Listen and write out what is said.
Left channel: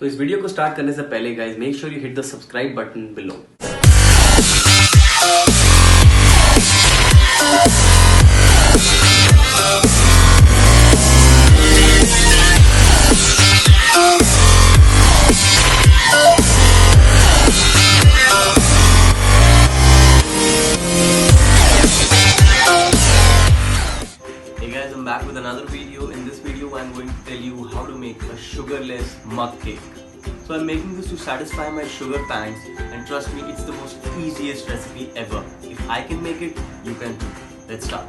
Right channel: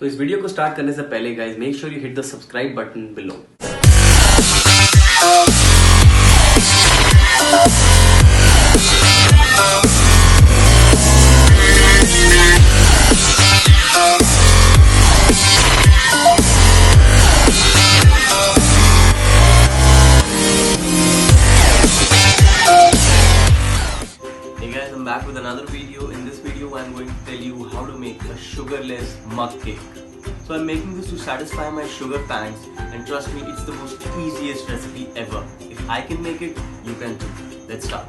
तो इस वीडियो को स्टार्ट करने से पहले guys make sure you hit the subscribe button below. Hey guys, I'm back with another video. In this video, I'm going to tell you how to make a sugarless mug cake. So I'm making this to satisfy my sugar pangs, and trust me, it's the most easiest recipe ever. If I can make it, you can too. Let's start.